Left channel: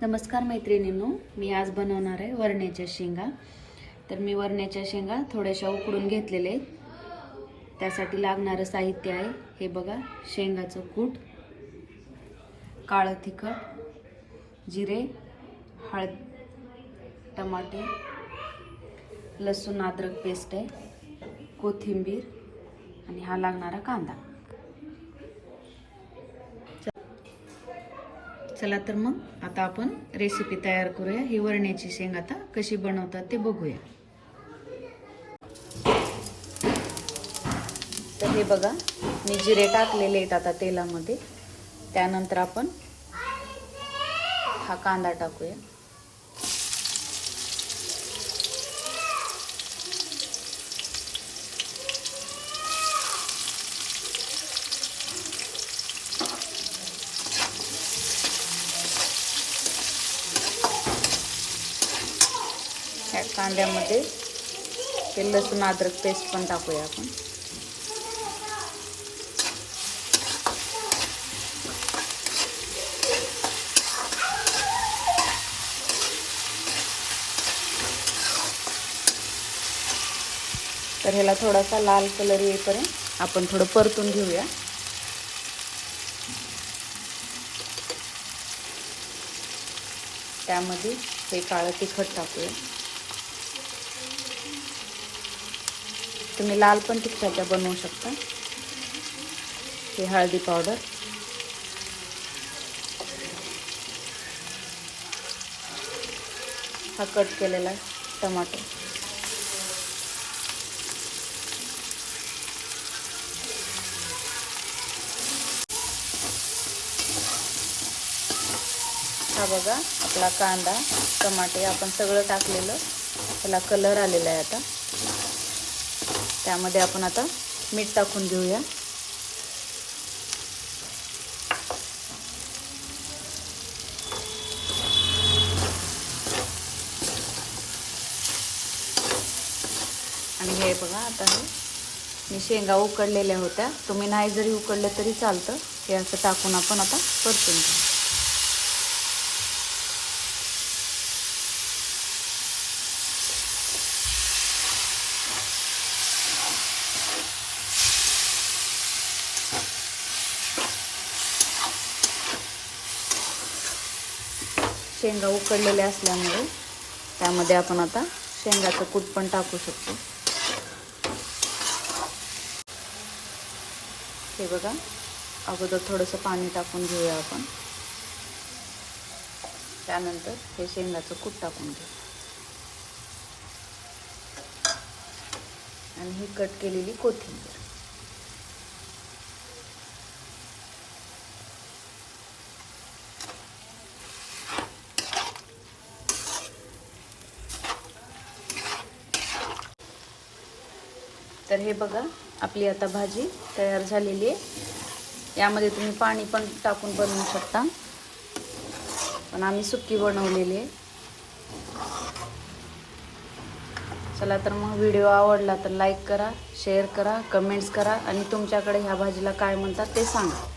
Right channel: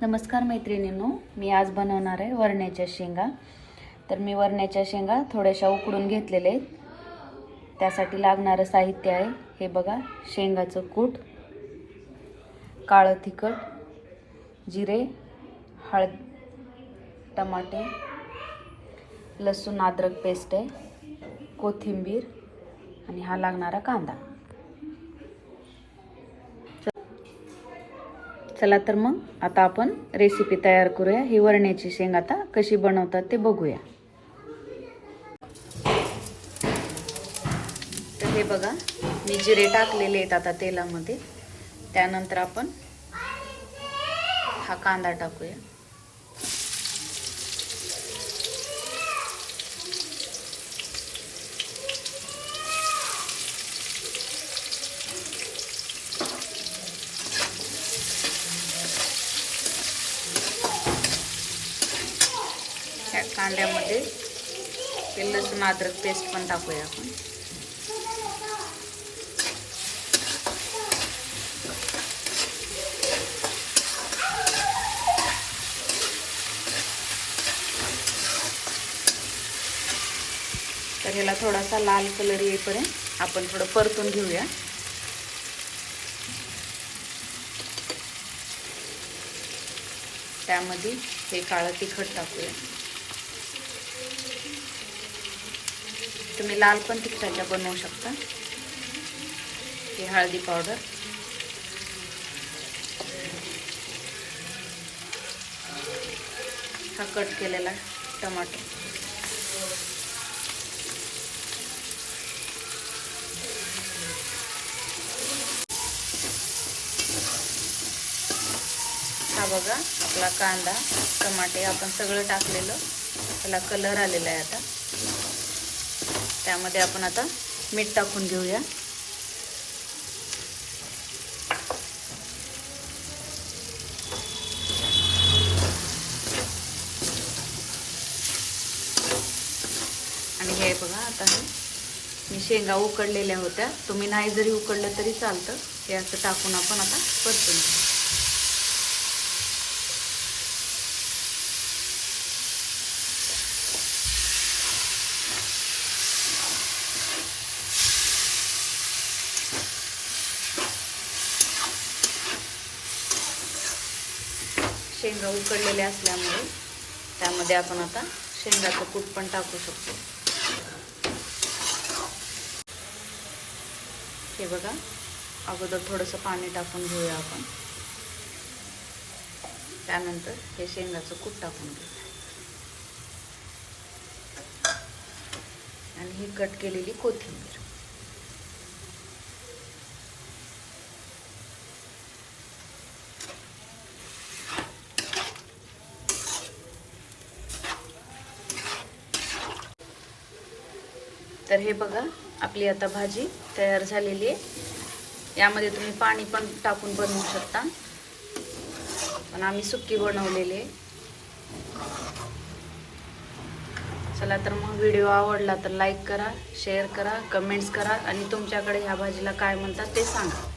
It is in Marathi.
नमस्कार मैत्रिणींनो, मी आज बनवणार आहे वरण्याच्या शेंगा। तर मी वरण्याच्या शेंगा थोड्याशा उकडून घेतलेले आहेत। त्यासाठी लागणारे साहित्य आहे हे बघा, शेंगाचं कूट, काळं तिखट, जिरे, हळद, टमाटे, लसूण अद्रक पेस्ट आहे, कोथिंबीर आणि हा लागणारा कांदा। चला तर मग आता आपण रेसिपी तयार करूया। ही वरण्याची शेंग आता कशी बनवतात ते बघूया। तर हे बघा, मी जिरे टाकलेले आहेत आता तेलामध्ये। त्यानंतर आपण हा कांदा टाकूया। या कांद्यामध्ये ते लसूण अद्रक पेस्ट पण टाकूया आपण। तर ह्याला थोडासा लाल कलर येईपर्यंत आपण थोडं परतून घेऊया। त्यामध्ये हे काळं तिखट टाकूया। तुम्ही लाल पण तिखटाच्या बनवू शकता। हे हळदी पावडर, हा कट केलेला टमाटो, हा बघा आपला कांदा, टमाटे आपण सगळं टाकलेलं, त्याला कलर आलेला आहे आता। त्यामध्ये आपण आता मीठ टाकून घेऊया। आणि हे बघा, आता हे मी शेंगा उकडलेल्या होत्या, तुम्ही नाही जरी उकडले तरी चालतं। हे असं टाकून आपण आता परतून घेऊ। शेंगा उकडलेले असल्यामुळे त्यामध्ये आपण आता शेंगाचं कूट पण टाकू शकतो। हे बघा, अगोदर थोडंसं पाणी टाकून घेऊया आपण। त्यानंतर हे शेंगाचं कूट टाकून घेऊ आणि ही कट केलेली कोथिंबीर। तर हे बघा, आपली आता भाजी तयार झालेली आहे। यामध्ये तुम्ही पाणी पण टाकून बनवू शकता, पण आम्ही सुक्की बनवलेली आहे। चला तर मग, व्हिडिओ आवडला तर लाईक करा, शेअर करा, कमेंट्स करा आणि तुमच्याकडे ह्या भाजीला काय म्हणतात ते सांगा।